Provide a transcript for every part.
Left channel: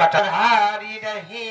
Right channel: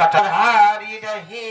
कटहारी रहे।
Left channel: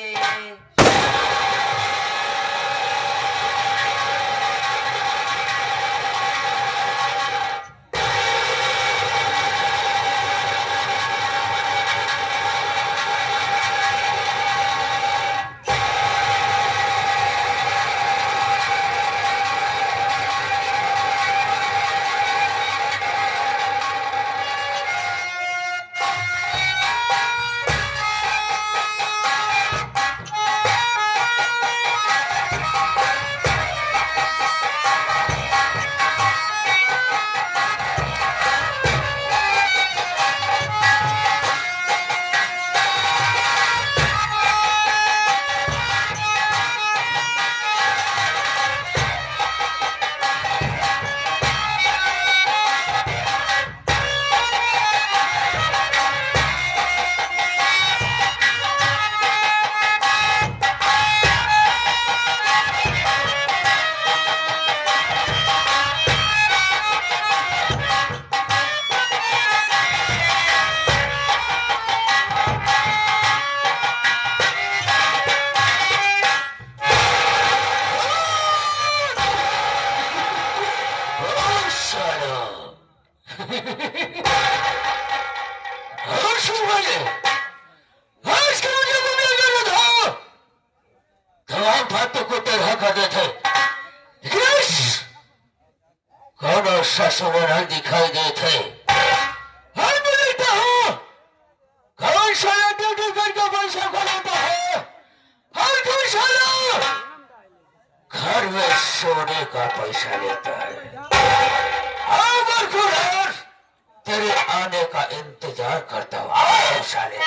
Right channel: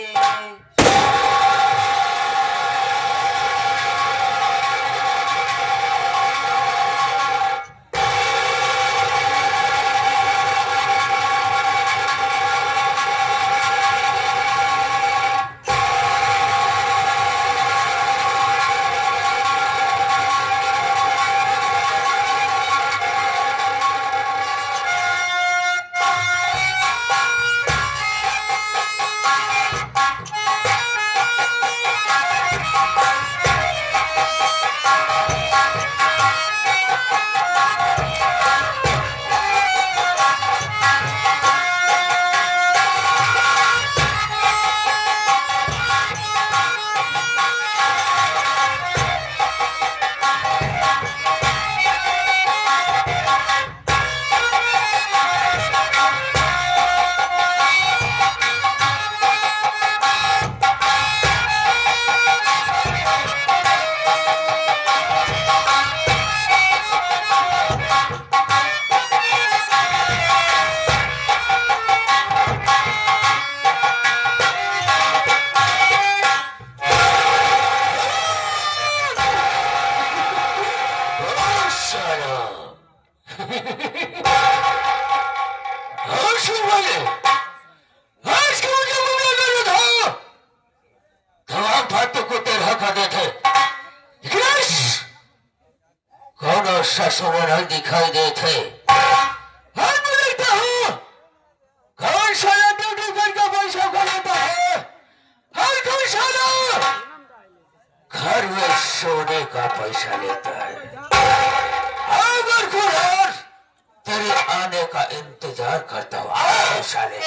ससुर दिखाई देते कौन साला ड्यूटी करके पैसा कमाता है, हर कोई साला घर में सोने का पैसा लेता है। और तेरे आने का इंतजार करता हूँ साले।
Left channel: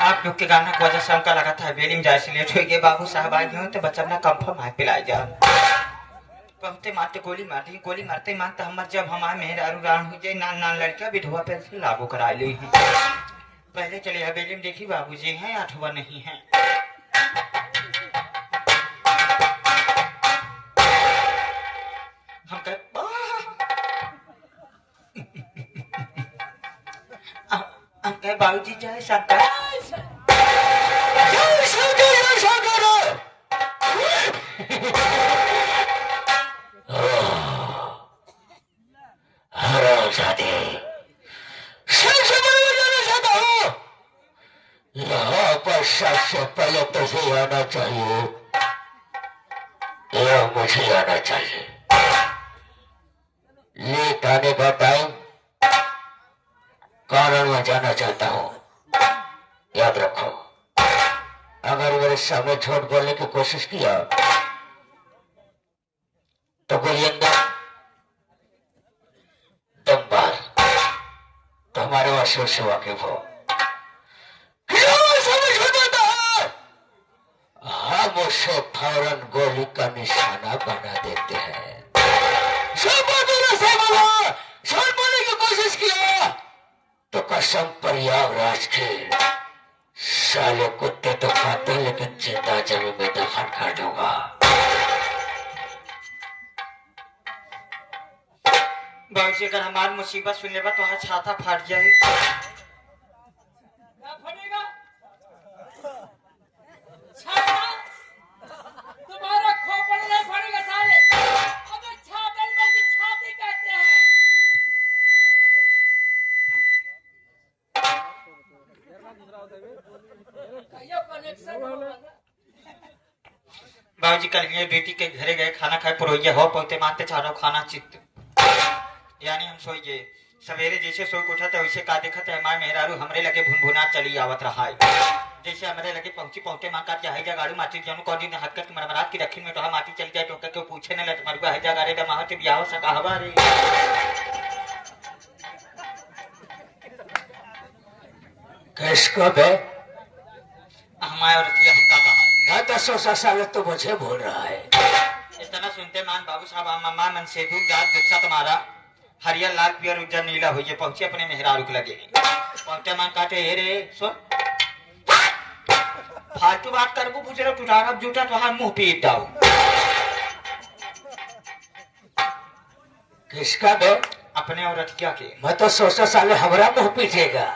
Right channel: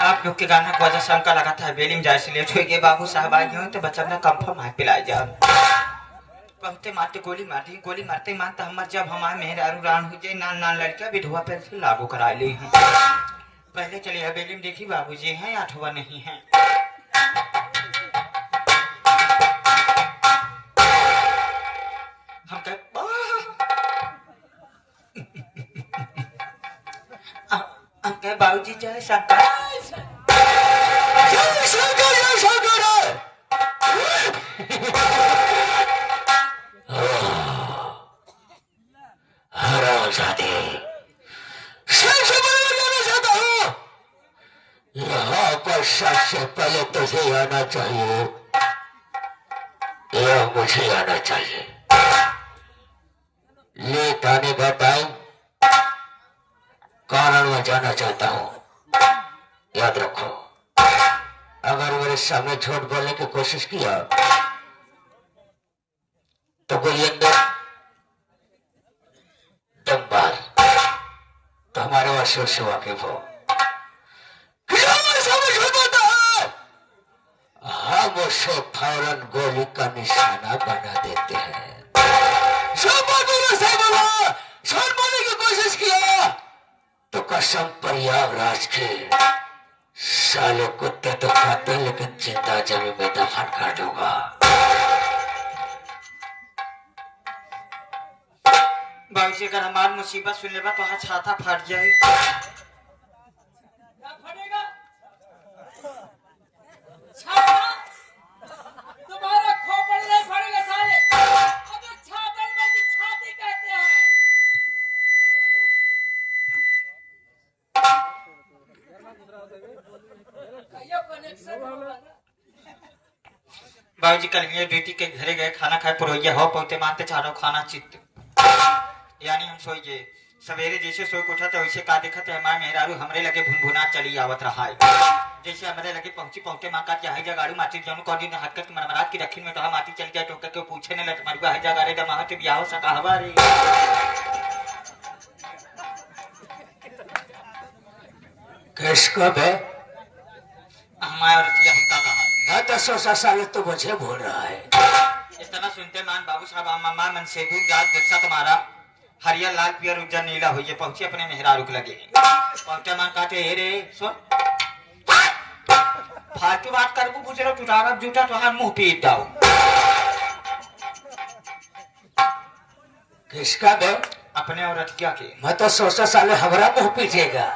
आप लोग के गाना को वजह से हमका लगा था बेली में जाए इसलिए छोड़ के बाबू साहब आए हो तो बच्चा अपना कंफर्म हाथ पिला जा पहते मारते गोली मारते मारते हम जब हमारे मेहरारू रान हो जाए नान नान लड़कियां विधवा पे लागू करा ली हैं। पहले चले बेली में देखी बाबूजी हैं अथवा नहीं है। हम कह बाबूजी जय शंकर यहाँ पर सबसे पहले तुझे आना चाहिए या मुझे आना चाहिए। लेट आने का टाइम कारण में जाना चाहता हूँ, याद रखो। अगर मेरे सामने झूठ बोलने की कोशिश किया तो गोली अंदर दम बार तुम्हारे वाशों से वाकिफ हो। हम उसे फौरन गोली का निशाना बना देते हैं। बोलने की कोशिश किया तो कसम प्रयागराज के सालों कुत्ते तो खाते लेकिन जिंदा जमीन में दफन कर दूंगा। बाबूजी अगर हमारी मुसीबत सुन लेगा तो हाथ छाता फाट जाए। तुम्हारा खोपड़ नहीं फटेगा साले। अबे छातल में की छाती कहते हैं। बाबूजी कल ये ड्यूटी के घरे गए खाना खाए पुरोहिया हो पहुंचते मानते चारों खाना चित्त यानी हम सोइए सवेरे जैसे सोई उठा तो वैसे का देखा थे हमारे मेहरारू हमरे लगे भुनभुना चली आवत रहा है। जैसे हमरे लगे पहुंचे मां का क्या है जगाड़ू माटी जन को दिन हाथ के मरमरात की रखी में तो हम माटी चल जाए तो के पूछे न लट मरवा है जगाड़े दमा के ब्याह सका हवारे किसको बे हमारे औरत हमका कहा मैं तो 100 साल तो मुझे भूल रहा है। इतना सुनते मान बाबू साहब अम्मा मन से दूर जात गुस्सा तुम्हारा हरियर लाल पियर उज्जर नीला हुई पहुंचे अपने मेहरारू के लगे पहुंचे मान काटे हे रे सुन फालतू बात कर को पूछ रहा टुटारा जूठा तो मुंह पीट दाओ किसका बे? अपने औरत क्या के मैं तो 100 साल हमारा मुंह पीटेगा।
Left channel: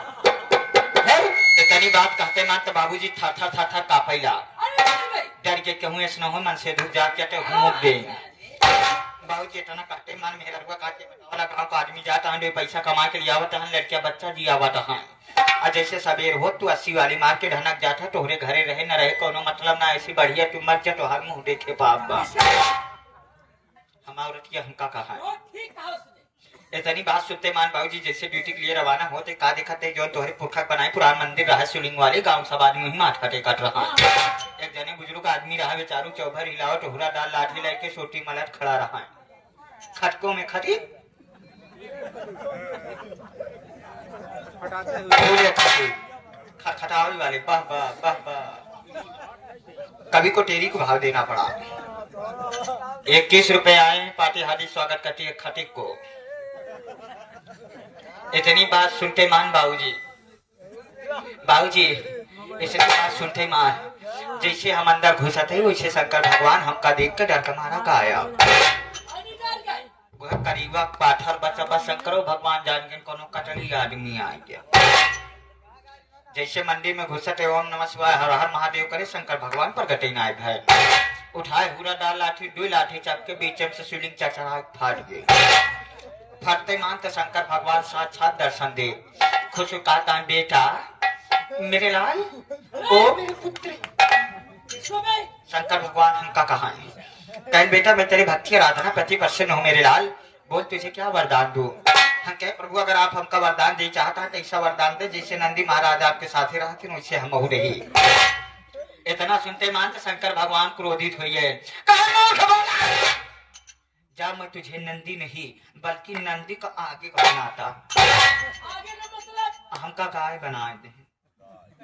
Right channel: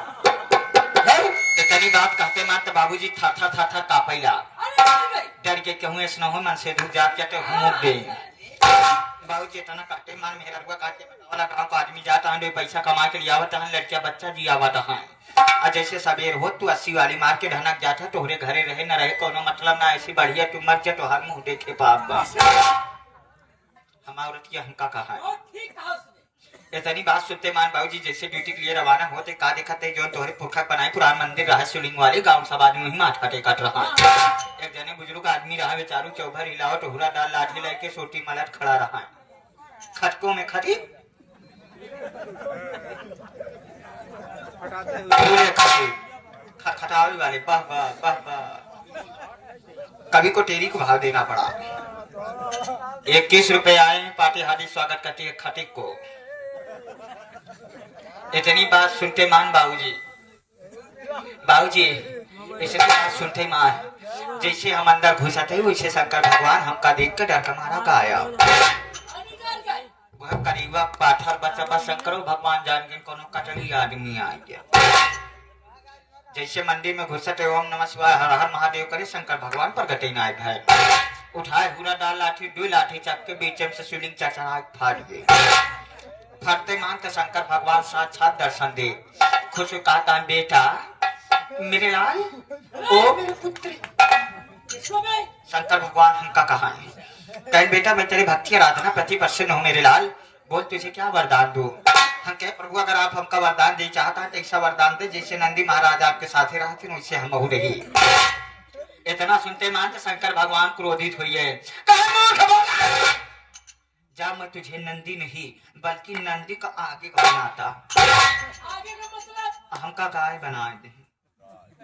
इतनी बात कहते मान तो बाबूजी था कापैला अरे भाई डर के कहूँ ऐसा हो मन से धूप जात के घूम दे बाबूजी इतना कहते मान मेरे लड़का काटे वाला गांव का आदमी जाता है पैसा कमा के लिए आवत है लड़किया बच्चा जी आवत है और जैसे सवेर हो तू 80 वाली मार के ढनक जाता तोहरे घरे रहे न रहे कोनो मतलब ना ऐसी बढ़िया तू मर जा तो हर मुंह देखे पाप हम औरत की हमका कहा वो ठीक था उसने इतनी बात सुनते मान बाबूजी जैसे ड्यूटी के लिए रवाना होते का दिखाते जो तोहरे पुरखा बनाए पुरान मंदिर रहा शिवलिंग वाले गांव सब आदमी ही माथ कटे कट रहा एक जने बुजुर्ग आदमी रहा बेचारू चौभर हिलाओ टोहरा डाल लाठी लेके सोटी मलट खड़ा रहा खटकों में खटी खटावल वाले वाह वाह वाह वाह कभी को टेरी को भाव देना पड़ा 21 रुपए आए पार्टी हार्दिक स्वागत करती है खटिक को इतनी बात सुनते मान बाबूजी इतनी बात सुनते मान जैसे हम अंदर घुसा थे वैसे शंकर भगवान हमका देख के डर के मारा गाया वह करीबा पाथर बचा बा शंकरो भगवान जान के कोनो कटली आदमी आ गया जैसे मंदिर में घुसा थे ओम नमः शिवाय हर हर महादेव करे शंकर भगवान पर गटे ना है उठाए हुरा डाल लाठी दो लाठी चाप के बीच से शिवलिंग चढ़ा फाट गए फटते मान तो शंकर भगवान साक्षात दर्शन दे खुश कहता बेटा मेरे लाल ओ मेरे पुत्र शंकर भगवान हमका कहा है कल बेटा मैं तेरी भक्ति आराधना प्रति प्रसन्न हूँ मेरे लाल बोल तुझे क्या वरदान दूं हम कहे प्रभु अगर आप हमका वरदान दे चाहता है तो ऐसा वरदान दे जैसे नंदी महाराज आपके साथ ही रहते वैसे हम हो रही इतना सुनते मान तो शंकर भगवान क्रोधित हुई है जा मैं तुझे नंदी नहीं बल्कि नंदी का आगे बनाता आगे का मतलब हमका गाय बना दे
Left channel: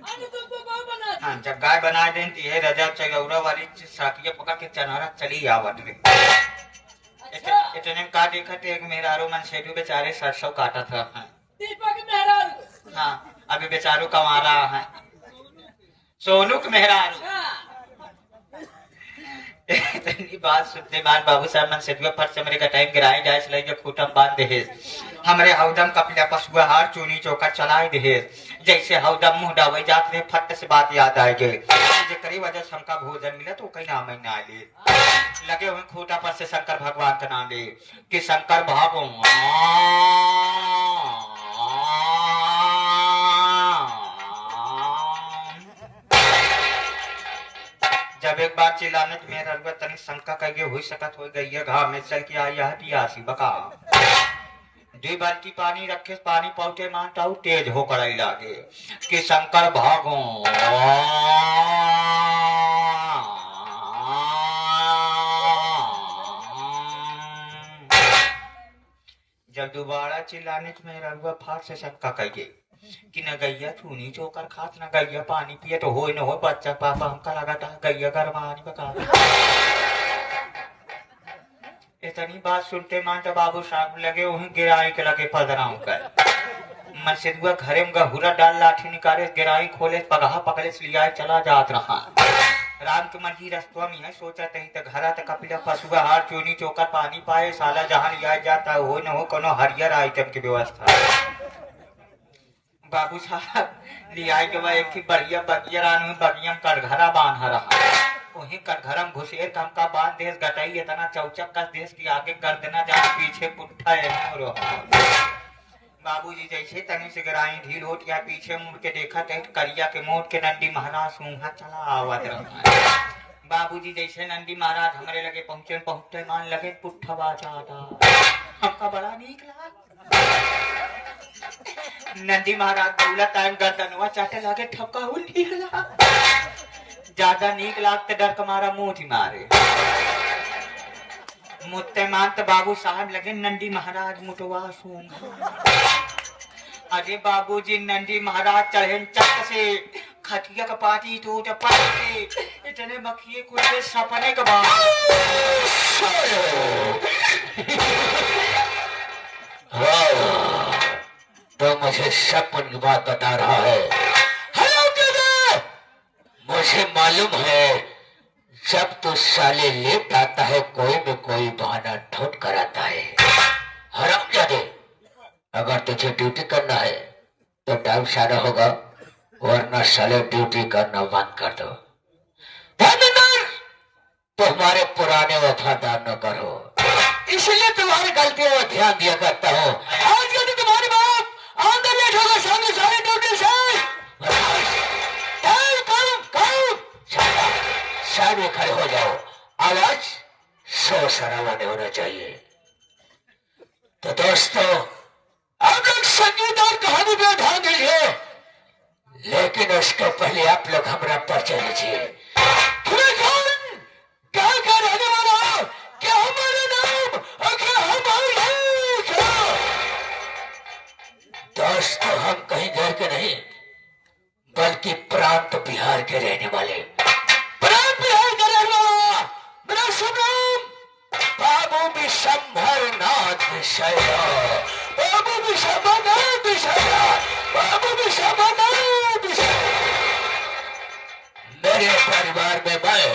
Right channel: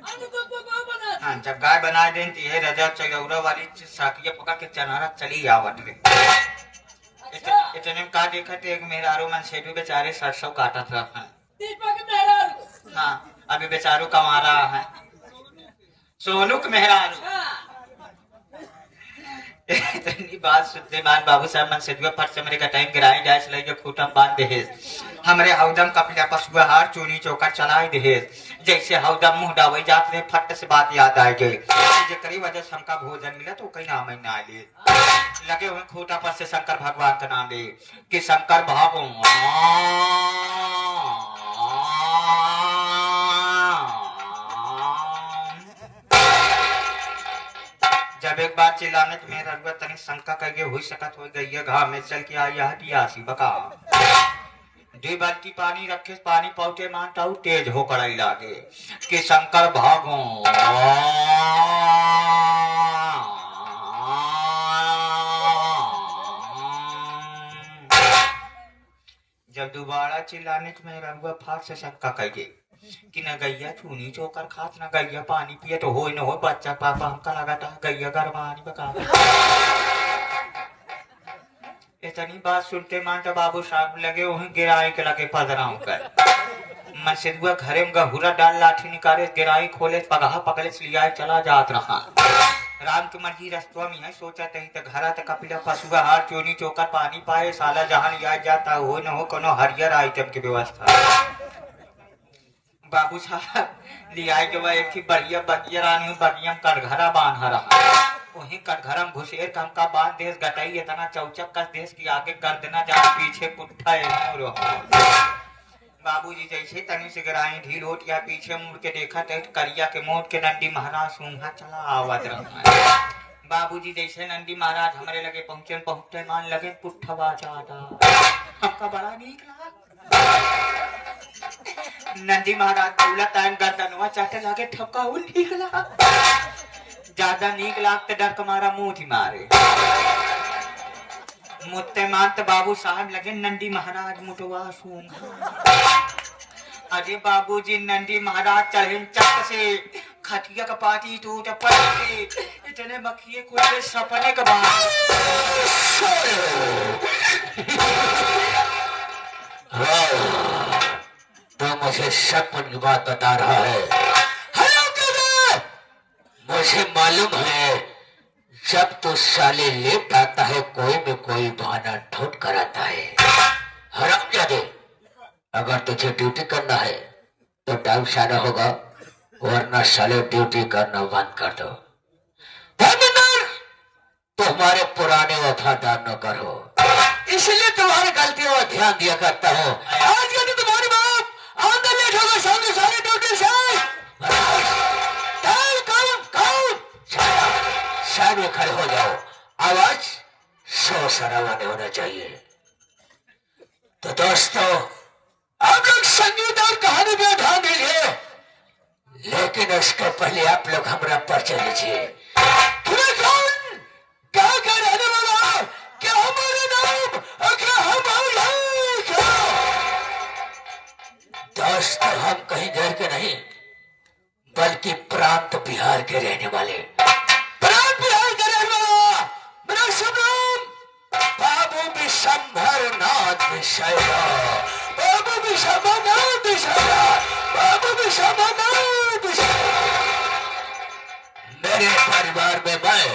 अरे तुमको कौन बना हाँ जब गाय बना दे तो ये रजा चलौरा वाली साकिया पकड़ के चनारा चली आवत रे अच्छा इतने में का देखा थे एक मेहरारू मन सेठू बेचारे सरसों काटा था दीपक मेहरारू हाँ अभी बेचारू कमा रहा है सोनू के मेहरारू हाँ इतनी बात सुनते मान बाबू साहब मन से फट से मेरे का टाइम गिराए जाए चले के खूटम बांध दे हमरे हौदम कपिला पशुआ हार चूनी चौका चलाए दे जैसे हौदम मुंह डावे जात में फट से बात याद आ गई जे करी वजह से हमका भोजन मिला तो कहीं नाम ना ले लगे हुए खूटा पर से शंकर भगवान का नाम ले कि शंकर जब एक बार चिल्लाने तो मेरा रगवा तनी शंका करके हुई सकत हो गई है घाव में चल के आई यह पियासी बका 2 बाल्टी पानी रखे पानी पौटे मानता तेज होकर आई लागे कि शंकर भागो जब दोबारा चिल्लाने तो मेरा रगवा फाट से शंका करके कि न गैया चूनी चोकर खात न गैया पानी पिए तो हो न हो बच्चा पापा हमका लगा था गैया गरमानी बका इतनी बात सुनते मान तो बाबू साहब लगे वहीं गिराई के लगे पदराव कर मसीदुआ घरे में गहुरा डाल लाठी निकाले गिराई खोले पगहा पकड़े लिया चला जात रहा राम के मर्जी रस्तवा में है सोचा तही तो घरा तक कपिला पशुआ हार चूनी चोकर पानी पाए साला जहाँ लिया जाता हो न हो कोनो हरियर आइटम की व्यवस्था बाबू साहब लिया के बाद एक बढ़िया बढ़िया कटघरा बांधा रहा वही कटघरा में घुसेर का बांध देश गटाई इतना चौचक का देश की आगे गर्दना जा पीछे पुट्ठा बाबूजी जैसे तनी से गिराई ढील होट या पीछे मुड़ के देखा तो करिया के मोट के नंदी महाराज सूंघा चला आवाज रहा बाबूजी जैसे नंदी महाराज हमारे लगे पहुंचते मान लगे पुट्ठा बाजा हमका बड़ा नीक लगा नंदी महाराज बोला टाइम गर्दनवा चाटे लागे ठपका हुई नीक लगा ज्यादा नीक लागते डर कमारा मुंह मारे मुत्ते मात बाबू साहब लगे नंदी महाराज मुटवा सूंघ अरे बाबूजी नंदी महाराज चढ़े चक से खटिया का पाटी टूट पड़े इतने मक्खिए कोई सपने के बाद तो मुझे सपन की बात बता रहा है। हेलो दादा, मुझे मालूम है जब तो साले लेट आता है कोई में कोई बहाना ढूंढ कर आता है। हरामजादे, अगर तुझे ड्यूटी करना है तो टाइम से आना होगा, वरना साले ड्यूटी करना बंद कर दो। धर्मेंद्र, तुम्हारे पुराने वफादार नौकर हो, इसलिए तुम्हारी गलतियों पर ध्यान दिया करता हूँ। आज यदि तुम्हारी बाप आंदर लेट होगा सामने सारे ड्यूटी से साइड में खड़े हो जाओ, आवाज शोर शराबा नहीं होना चाहिए। तो दोस्तों, आप लोग संगीत और कहानी पे ध्यान दीजिए, लेकिन उसके पहले आप लोग हमारा परिचय लीजिए। कौन क्या क्या रहने वाला, क्या हमारा नाम और क्या हमारा दोस्तों, हम कहीं घर के नहीं बल्कि प्रांत बिहार के रहने वाले, प्रांत बिहार के रहने वाला मेरा शुभ नाम बाबू विशंभर नाथ विषया, बाबू विशंभर नाथ विषया, बाबू विशंभर नाथ विषया। मेरे परिवार में मैं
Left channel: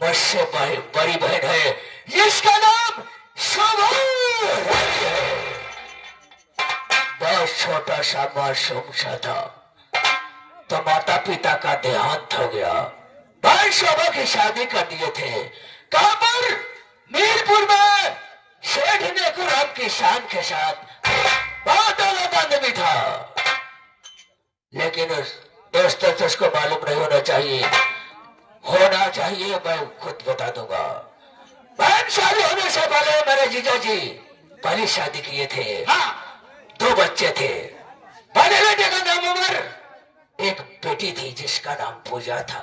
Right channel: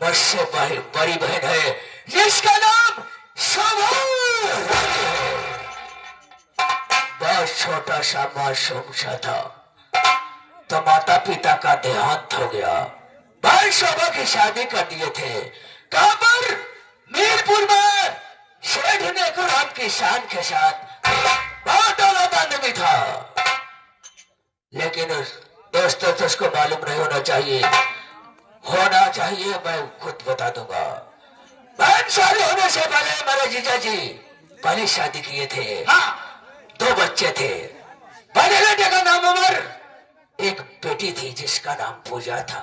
मुझसे बड़ी बहन है जिसका नाम शोभा है। बहुत छोटा सा मासूम सा था तो माता पिता का देहांत हो गया। भाई शोभा की शादी कर दिए थे। कहां पर? मीरपुर में शेठ नेकुराम की शान के साथ। बहुत दौलत आदमी था, लेकिन दोस्तों तो उसको मालूम नहीं होना चाहिए, मैं खुद बता दूंगा। बहन शादी होने से पहले मेरे जीजा जी पहली शादी किए थे। हाँ, 2 बच्चे थे। पहले बेटे का नाम उमर, एक बेटी थी जिसका नाम पूजा था।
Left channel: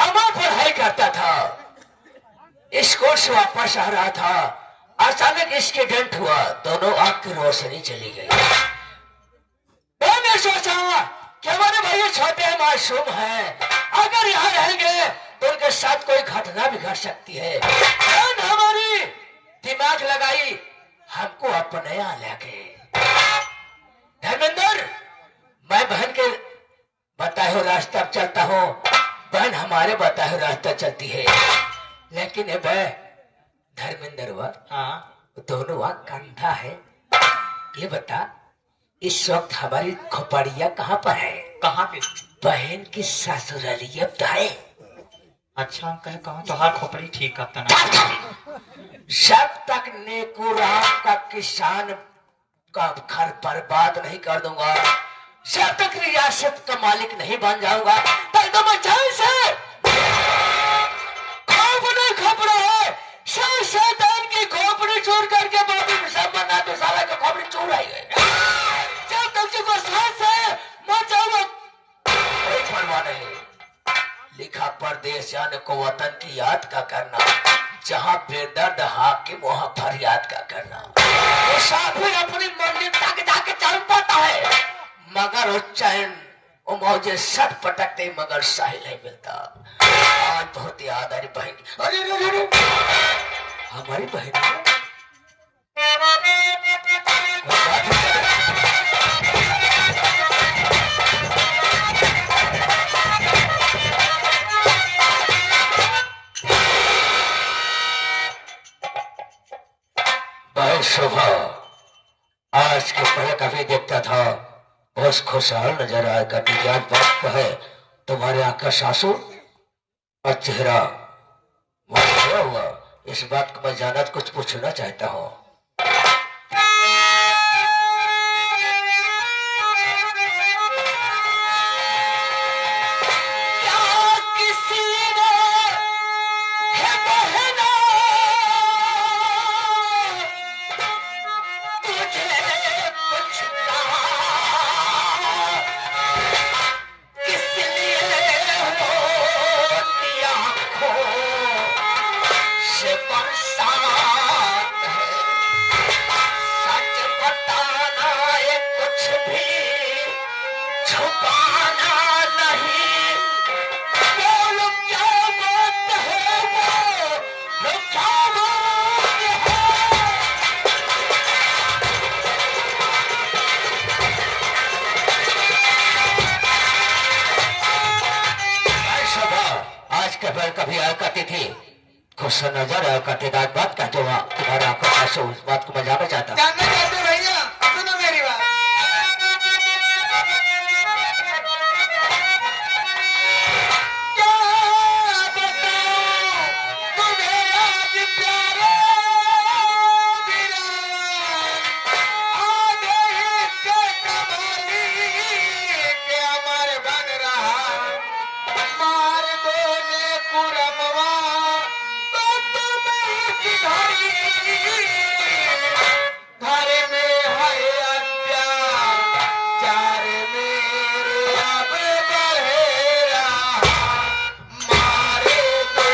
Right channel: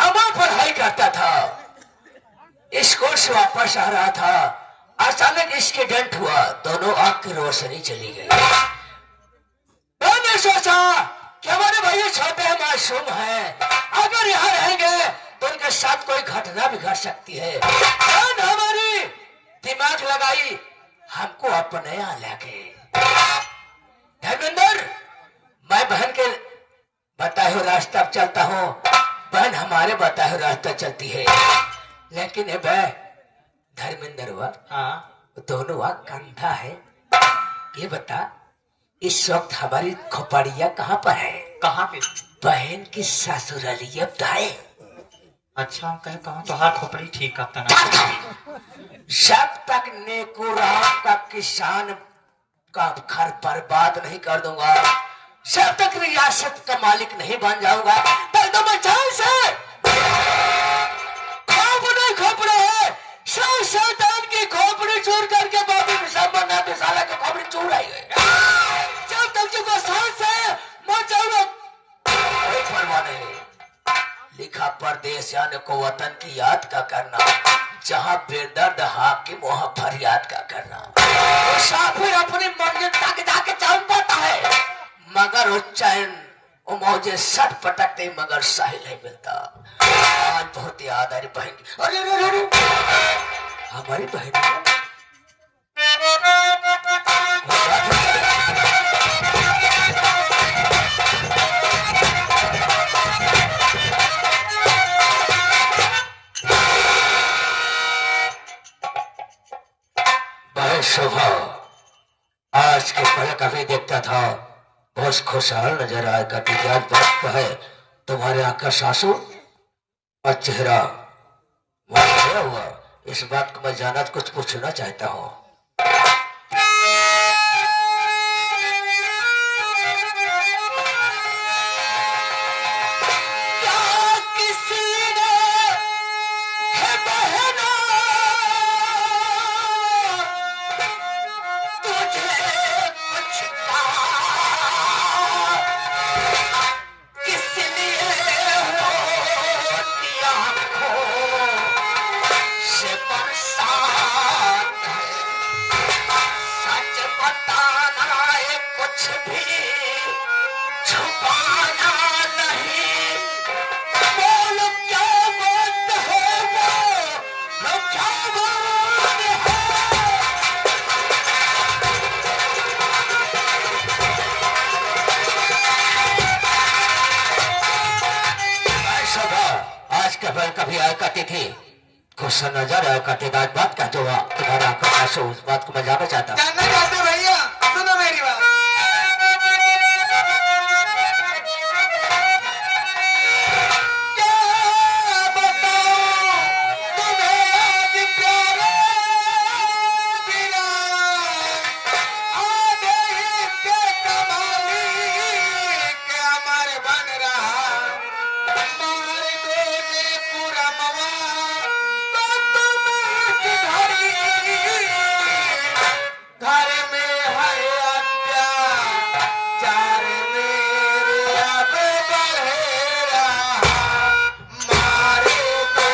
अमर पढ़ाई करता था, स्कूल से वापस आ रहा था, अचानक एक्सीडेंट हुआ, दोनों आंख की रोशनी चली गई। मैंने सोचा कि हमारे भाई छोटे मासूम हैं, अगर यहाँ रहेंगे तो उनके साथ कोई घटना भी घट सकती है। हमारी दिमाग लगाई, हमको अपने यहाँ लेके। धर्मेंद्र, मैं बहन के बताए हुए रास्ता चलता हूँ, बहन हमारे बताए हुए रास्ता चलती है, लेकिन ये वह धर्मेंद्र हुआ, हाँ, दोनों वहाँ कंधा है। ये बता, इस वक्त हमारी खोपड़िया कहाँ पर है? कहाँ पे? बहन की ससुरालिया है। अच्छा, कहे कहाँ तो हाथ खोपड़ी ठीक करता ना। जब तक नेकुराम का किसान का घर बर्बाद नहीं कर दूंगा, जब तक रियासत का मालिक नहीं बन जाऊंगा, तब तो मचान से खोपड़ा है, शैतान की खोपड़ी चोर करके बाबू सब बना तो साला का खोपड़ी चोर आई गए। जब तक जो सांस है मचाओ, कोई परवाह नहीं। लिखा परदेश जाने को वतन की याद का करना, जहाँ बेदर्द हाकिम वहाँ फरियाद का करना। मुसाफिर अपनी मंजिल तक जाके चल पाता है, मगर उच्चैन मुझे सट पटकते मगर साहिल नहीं मिलता। आज बहुत याद आ रही बहन की। अरे हमारी बहन बहन शोभा, आज के पहले कभी देखता था बहुत खुशहाल नजर आएगा, कि आज वक्त है तुम्हारे आंख का सासू और चेहरा क्या हुआ, इस बात को मैं जाना कुछ पूछना चाहता हूँ। छुपा कभी कभी आया करती थी, गुस्सा नजर आया करते थे। आज बात कहते हुआ तुम्हारे आपका पास उस बात को मैं जानना चाहता हूँ। जानना चाहते भैया, सुनो मेरी बात। क्या बताऊं तुम्हें आज प्यारे मेरा, आधे हिस्से कमाली के अमर बन रहा, मार दो ने पुरमवा तो तुम्हें सिधारी, घर में है अत्याचार मेरे अब बढ़ेरा, मारे दो।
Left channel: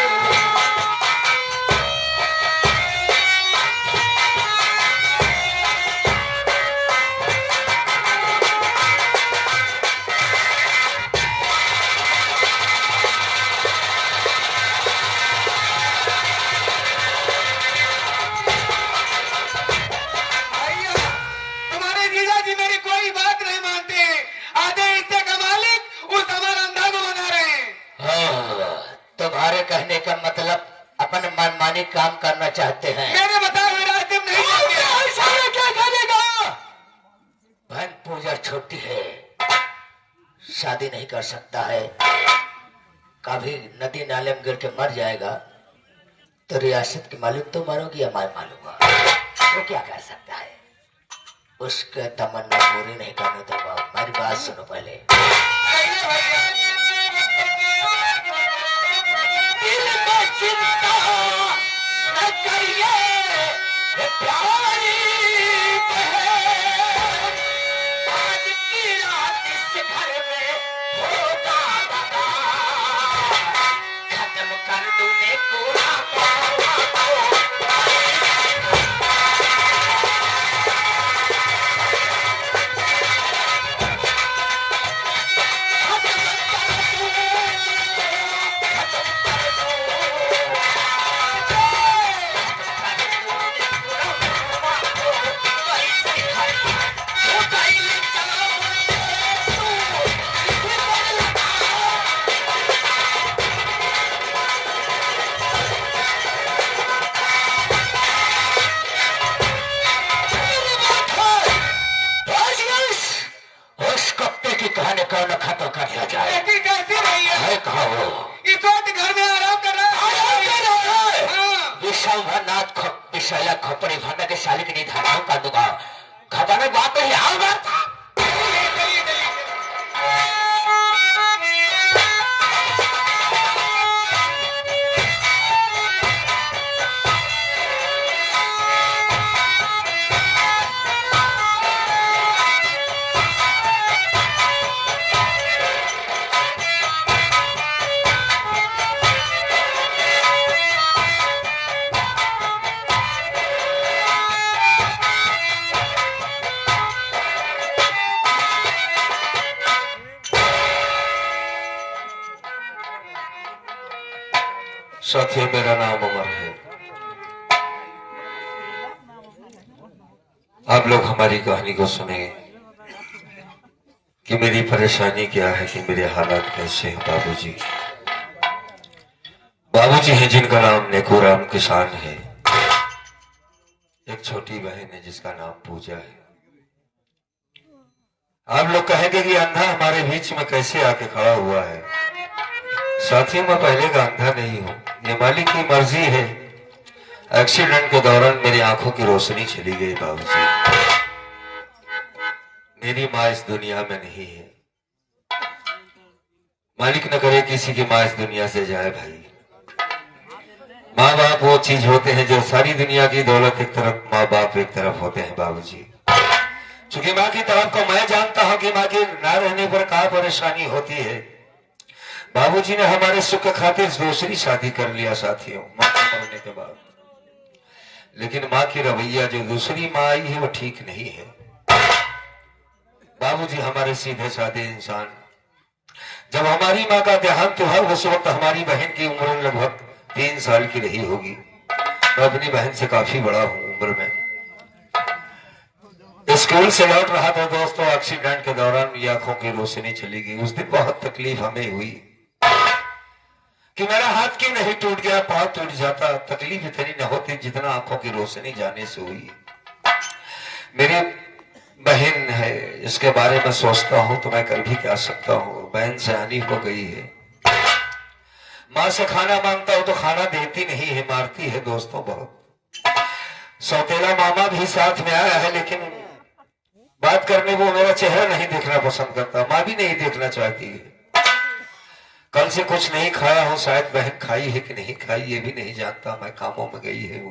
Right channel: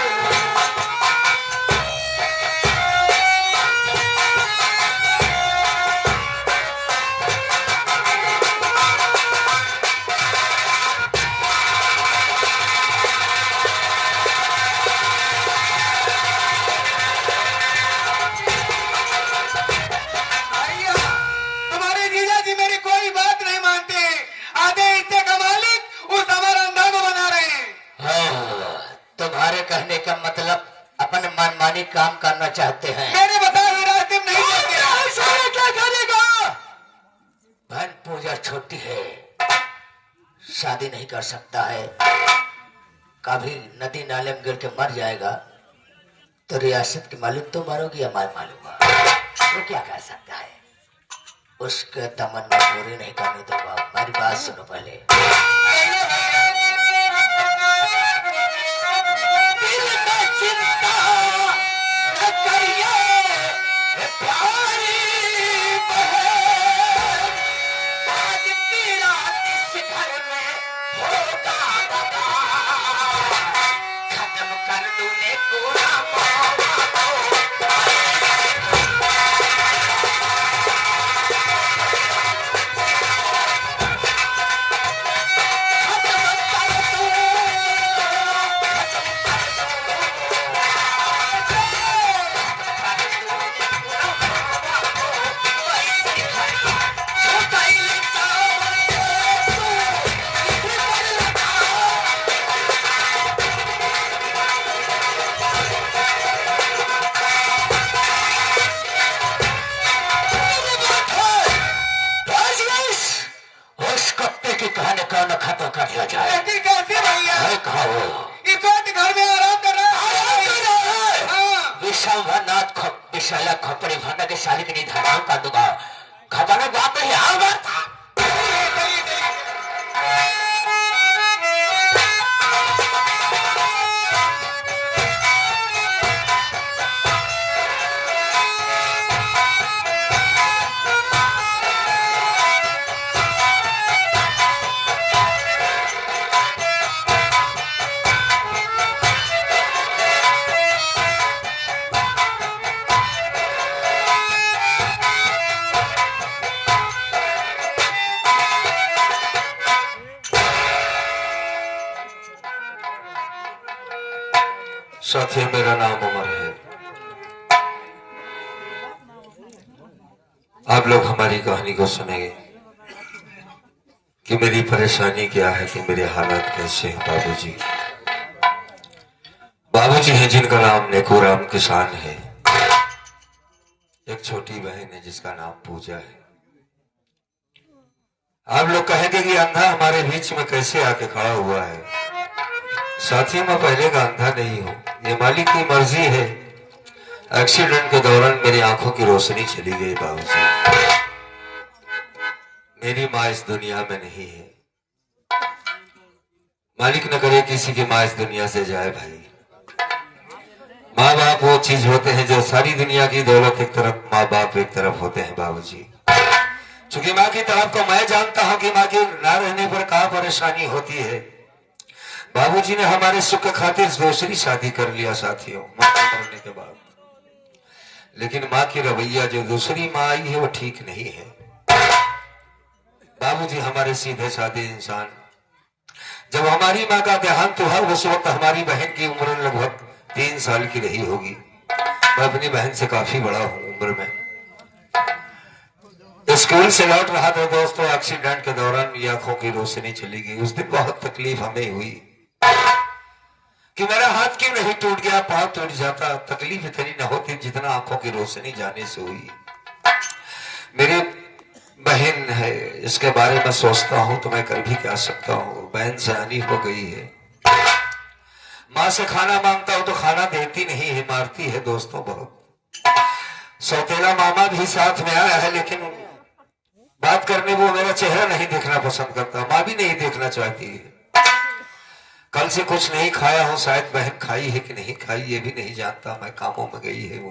भैया, तुम्हारे जीजा जी मेरी कोई बात नहीं मानते हैं। आधे हिस्से का मालिक उस अमर अंधा को बना रहे हैं। हाँ, तुम्हारे कहने का मतलब अपन मनमानी काम करना चाहते हैं। मेरे बताए हुए रास्ते में नहीं जाते। सारे क्या करेगा? बहन पूजा छोटी है, शादी नहीं कर सकता है, कभी नदी नाले में गिर के मर जाएगा तो रियासत के मालिक तो मारोगी या मैं मारूंगा, वो क्या कर सकता है? उसके तमन्ना पूरी नहीं करने दूंगा। मेरी बात सुनो पहले। दिल में चिंता न करिए प्यारी बहन, आज की रात इस घर में होगा दगा, खत्म कर दूंने पूरा मामला को। उस कुत्ते की कहानी कौन खत्म कर दिया जाए? ऐसी कैसे भैया? है कहा वो इस वक्त घर में आराम कर रहा है। हाँ। विश्वनाथ विशाला खोपड़ी भरने के साली के निधन कर दूंगा। खजाने बात नहीं, हाल बात था। साथियों, मेरा नाम उमर है। आप लोग हमारी कहानी को सुनेंगे कि मेरी परेशानी क्या है, कि मेरे हालात कैसे हैं। बाबूजी हैं जिनका नाम नेकूराम किसान है। एक छोटी बहन है जिसका नाम पूजा है। आप लोग कहेंगे कि अंधा हमारे बीच में कैसे आके खड़ा हुआ है। साथियों, मैं पहले का अंधा नहीं हूं, ये मालिक की मर्जी है। एक्सीडेंट के दौरान मेरी आंखों की रोशनी चली गई बाबूजी। मेरी माँ इस दुनिया में नहीं है। मालिक न करे किसी की माँ इस दुनिया से जाए। भाई, माँ बाप वो चीज होते हैं जो सारी दुनिया की दौलत एक तरफ, माँ बाप एक तरफ होते हैं बाबूजी। चूंकि माँ की तरफ को मैं जानता हूं कि माँ के ना रहने पर क्या परेशानी होती है। बाबूजी ने हमारे सुख के खातिर दूसरी शादी कर लिया साथियों, माँ के मरने के बाद। लेकिन माँ की रवैया जो दूसरी माँ आई है वो ठीक नहीं है। बाबूजी हमारे सीधे साधे इंसान। जब हमारी माँ का देहांत हुआ उस वक्त हमारी बहन की उम्र लगभग 3 साल की रही होगी। मैं अपनी बहन से काफी बड़ा हूं उम्र में। स्कूल से लौट रहा था दोस्तों, एक्सीडेंट के दौरान आंखों की रोशनी चली गई। उस दिन बहुत तकलीफ हमें हुई। कि मेरा हाथ क्यों नहीं टूट गया, पाँव टूट जाता, तकलीफ इतनी न होती जितना आंखों की रोशनी जाने से हुई। मेरी बहन है, इसके बारे में सोचता हूं तो मैं कर भी क्या सकता हूं। बहन से हानि हो गई है। माँ से खाना मांगता हूं तो खाना देती नहीं है, मारती है दोस्तों बहुत। सौतेला मामा भी साथ में आया है, लेकिन बात करने वो मेरा चेहरा नहीं देखना पसंद करता। माँ भी नहीं देखना चाहती है। कल से कुछ नहीं खाया हूं, शायद बहन खाई है कि नहीं खाई ये भी नहीं जानता मैं। कामों में गई है वो।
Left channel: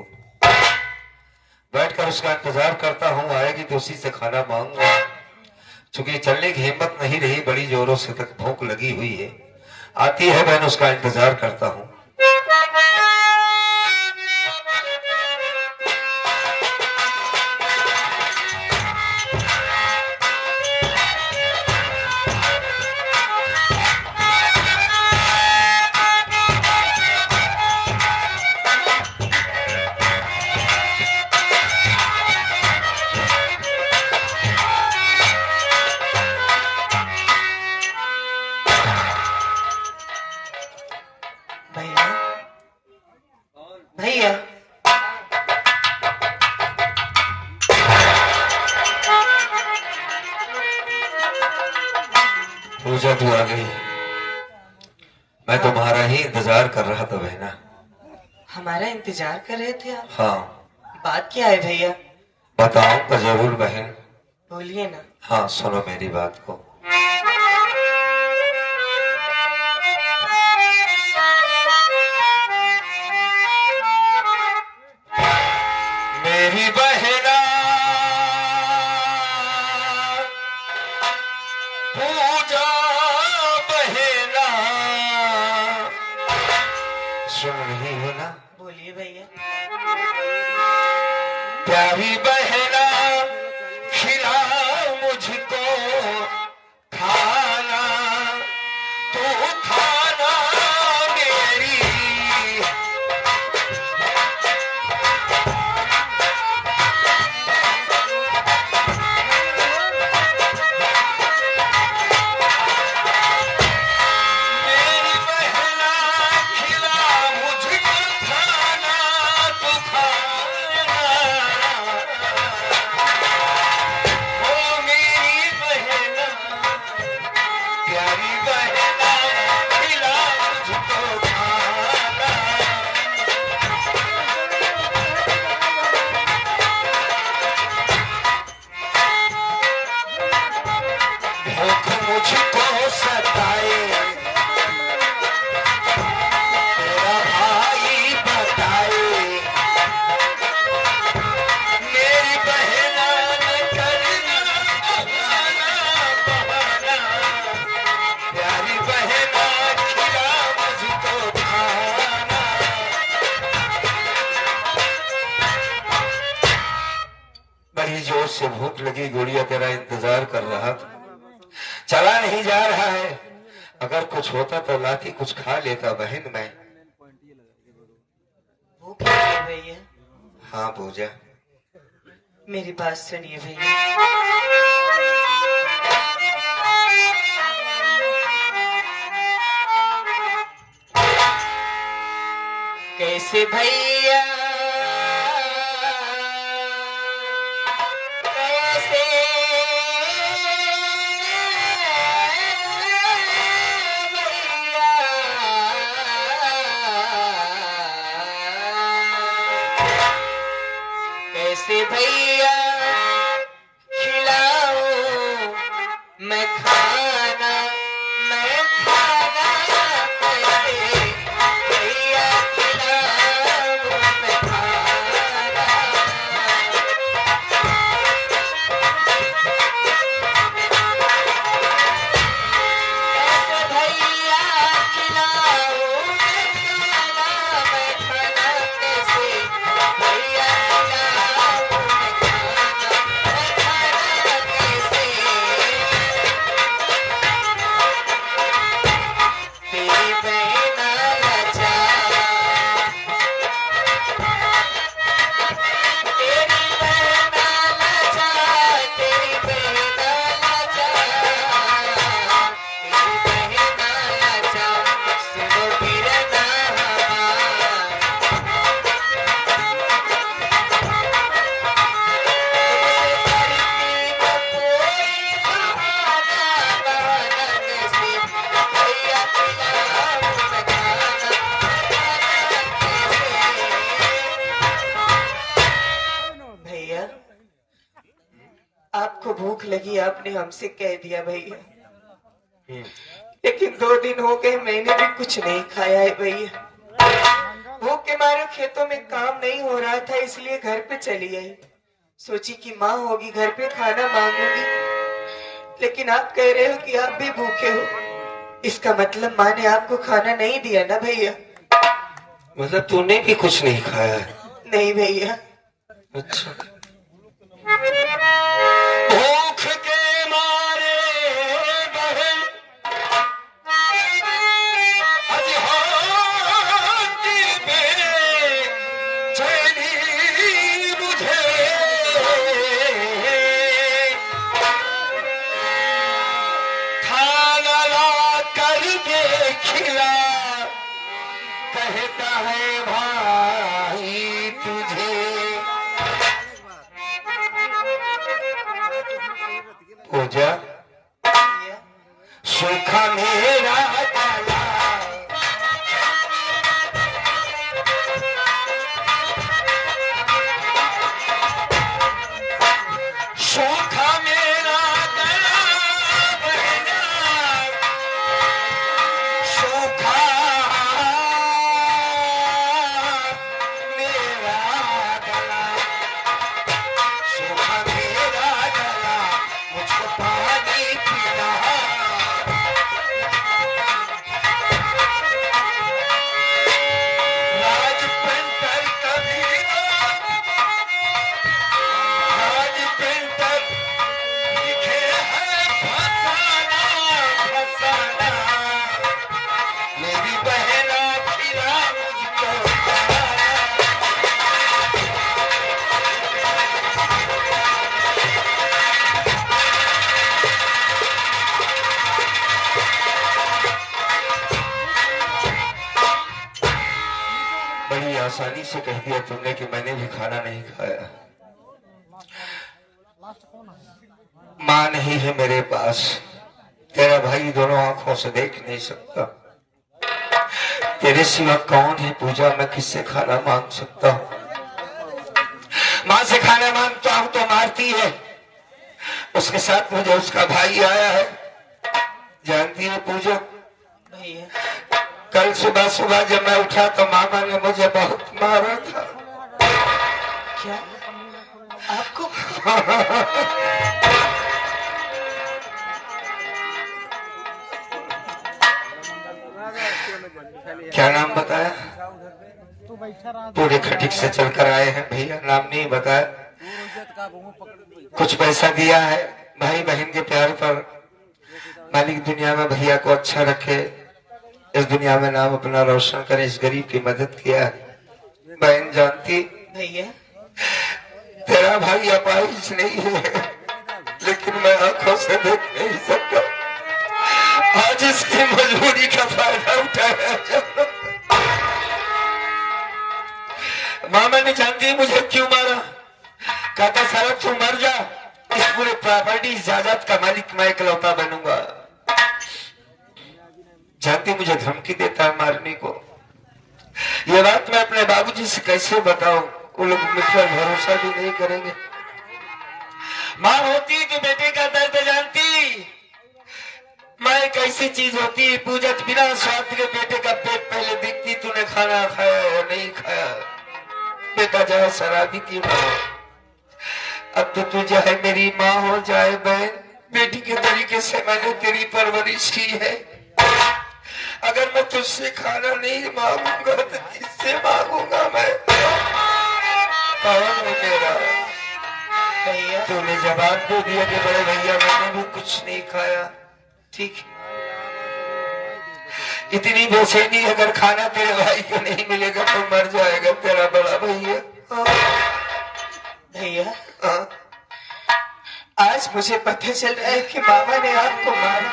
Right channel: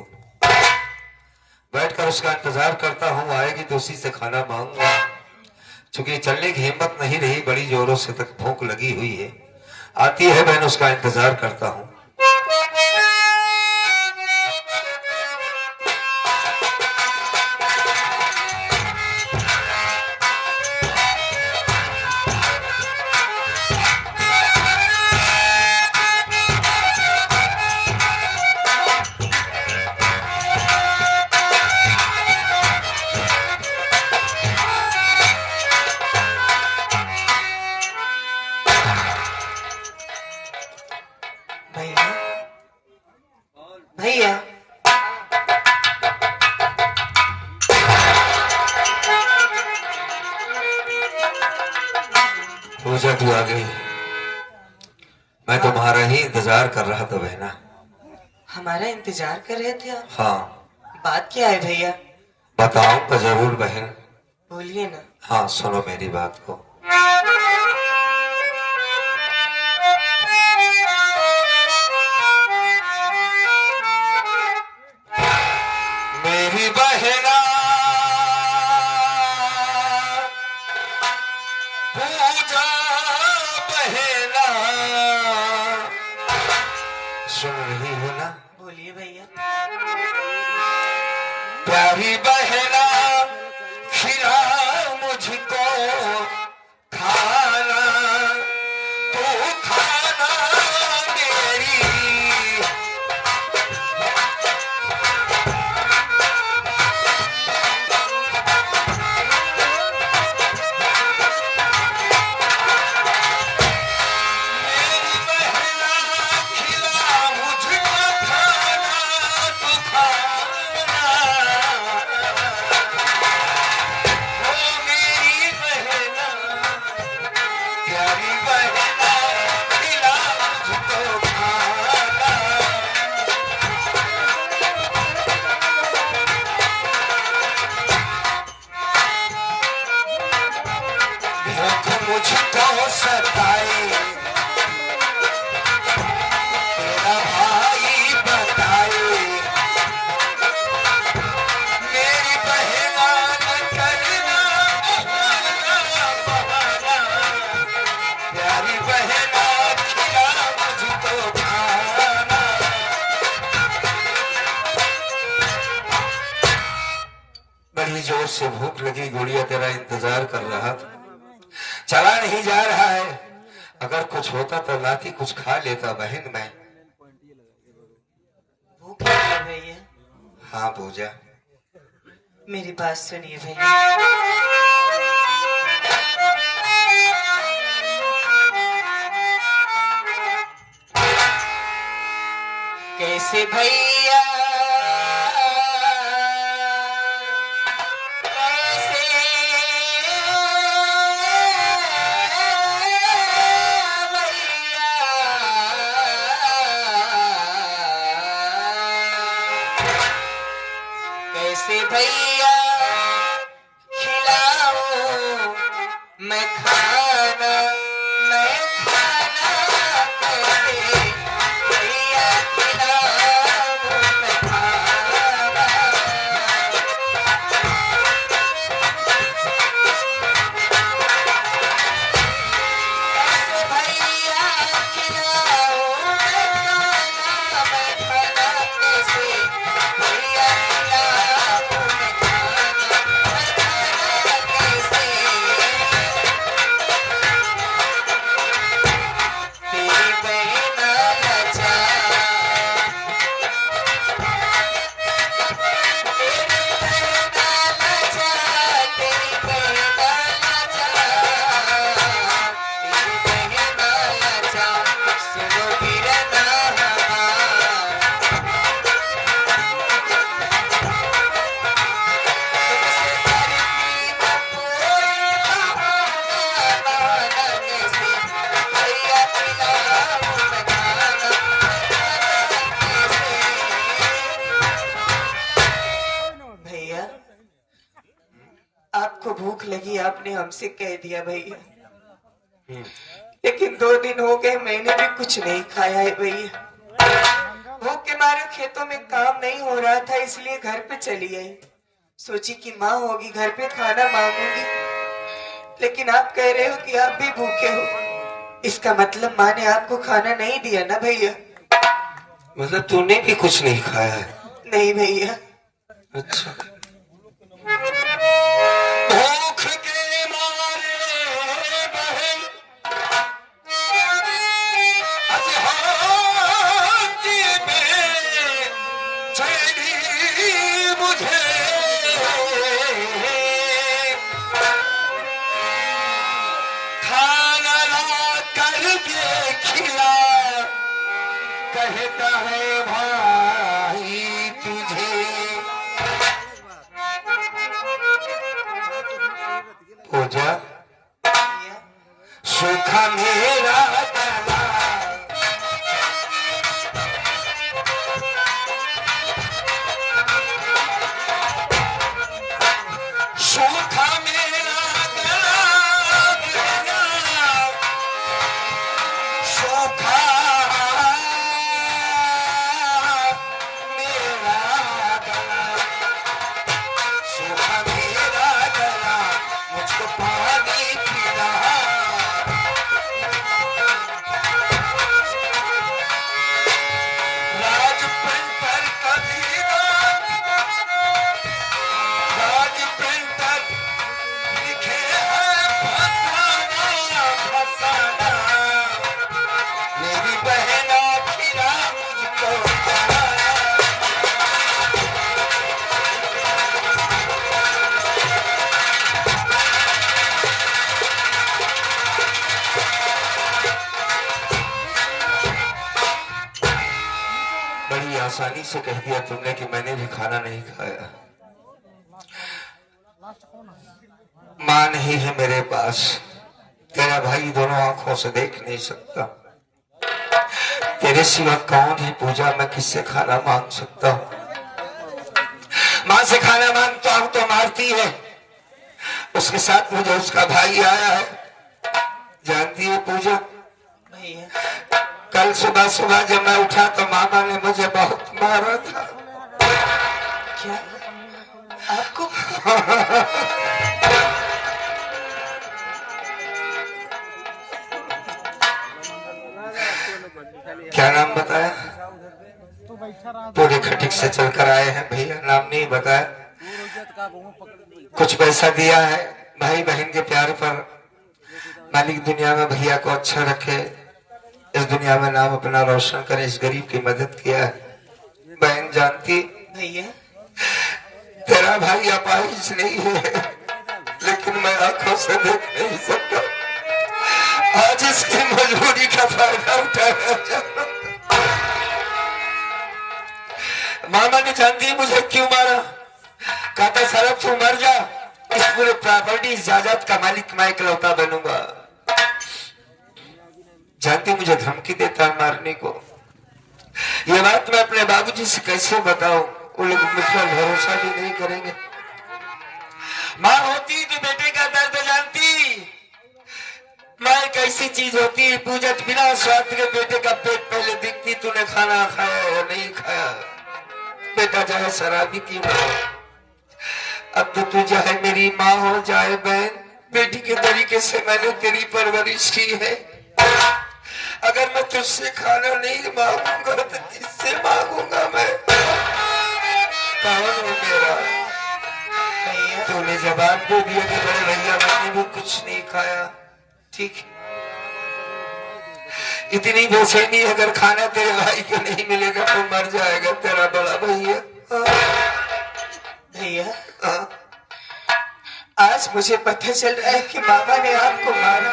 बैठकर उसका इंतजार करता हूं, आएगी तो उसी से खाना मांगूंगा। चूंकि चलने की हिम्मत नहीं रही, बड़ी जोरों से तक भूख लगी हुई है। आती है बहन, उसका इंतजार करता हूं। भैया भैया पूजा तू आ गई। मैं तुम्हारा ही इंतजार कर रहा था बहना। हमारा इंतजार कर रहे थे आप? हाँ बात क्या है भैया? बताऊंगा जरूर बहन। बोलिए ना। हाँ सुनो मेरी बात को। मेरी बहना पूजा बहना, सुन रही हो ना? बोलिए भैया। प्यारी बहना खिला मुझको खाना, तू खाना मेरी। मेरी बहना खिला मुझको खाना, तू खाना। ओ मेरी बहना, प्यारी बहना खिला मुझको खाना। भूख मुझको सताए, तेरा भाई बताए। मेरी बहना न करना बहाना बहाना, प्यारी बहना खिला मुझको खाना। बड़ी जोर से भूख लगी, गुड़िया तेरा इंतजार कर रहा था। चला नहीं जा रहा है। अगर कुछ होता तो लाती कुछ खा लेता बहन मैं। भूख लगी है भैया? हाँ पूजा। मेरी बात सुनिए भैया। कैसे भैया कैसे कैसे भैया खिलाऊं मैं खाना, मैं खाना कैसे भैया खिलाऊं मैं खाना। कैसे भैया खिलाऊं मैं खाना, मैं खाना कैसे भैया खिलाऊं मैं खाना, मैं खाना कैसे। भूख लगी आपने हमसे कह दिया भैया, लेकिन 2 दिन हो गए मैंने भी कुछ नहीं खाया है भैया। भूख के मारे खेतों में काम नहीं हो रहा था, इसलिए घर पे चली आई। सोची कि माँ होगी घर पे खाना मांगूंगी, लेकिन आप कह रहे हो कि आप भी भूखे हो। इसका मतलब माँ ने आपको खाना नहीं दिया ना भैया? मतलब तूने भी कुछ नहीं खाया है? नहीं भैया। अच्छा। भूख के मारे बहन आज हाथी में चैनी मुझे खाना ला करके खिला, कहता है भाई तुझे। पूजा सूखा मेरा डाला, सूखा मेरा गला बहना, सूखा मेरा गला, सूखा मेरा गला, मुझको पानी पिला। राज पेंटर कभी राज पेंटर लिखे है फसाना फसाना, मेरी बहना खिला मुझको। बड़ी आसानी से कह दिया तुमने कि मैंने भी खाना नहीं खाया। माँ नहीं है मेरे पास, तेरा भाई दोनों आंखों से देख नहीं सकता, तेरे सिवा कौन है पूजा, मैं किससे खाना मांग सकता हूँ। माँ से खाना मांगता हूँ तो मारती है, उसके साथ मुझे उसका भाई आया है। जानती है पूजा, भैया कल सुबह सुबह जब मैं उठा तो मामा ने मुझे बहुत मारा था। क्या आपको? क्या नाम बताया? पूरे खटिक से चलकर आए हैं भैया, नाम नहीं बताया। कुछ पैसा दिया है, भाई बहन के प्यार पर मालिक दुनिया में भैया को अच्छा रखे, इस दुनिया में नाम अपना रोशन करे, इस गरीब की मदद किया है। बहन जानती भैया तेरा भाई अपाहिज नहीं है, लेकिन मैं आंखों से देख नहीं सकता। आज इसकी मजबूरी का फायदा उठाया। मामा ने जानती मुझे क्यों मारा, कहता सारा तू मर जा, इस पूरे प्रॉपर्टी जायदाद का मालिक मैं इकलौता बनूंगा। जानती मुझे धमकी देता मारने को। ये बात मैं अपने बाबूजी से कैसे बताऊं, वो लोग मुझ पर भरोसा भी नहीं करेंगे। माँ होती तो बेटे का दर्द जानती, माँ एक ऐसी चीज होती है पूजत बिना स्वाद के बेटे का पेट पहले देखती, तूने खाना खाया या नहीं खाया। बेटा चाहे शराबी क्यों ना हो, अब तो तू चाहे मेरी माँ हो जाए बहन, बेटी के तरीके से मैंने तेरी परवरिश की है। अगर मैं तुझसे खाना नहीं मांगूंगा तो किससे मांगूंगा मैं? कौन है मेरा? भैया तूने जवाब दे दिया कि बड़े भैया मैंने भी कुछ नहीं खाया, ठीक। इतनी बेचैनी अगर खाना तेरे भाई को नहीं मिलेगा तो मर जाएगा तेरा बड़ा भैया। भैया हाँ? आज मुझे पता चल रहा है कि मामा ने आपको मारा।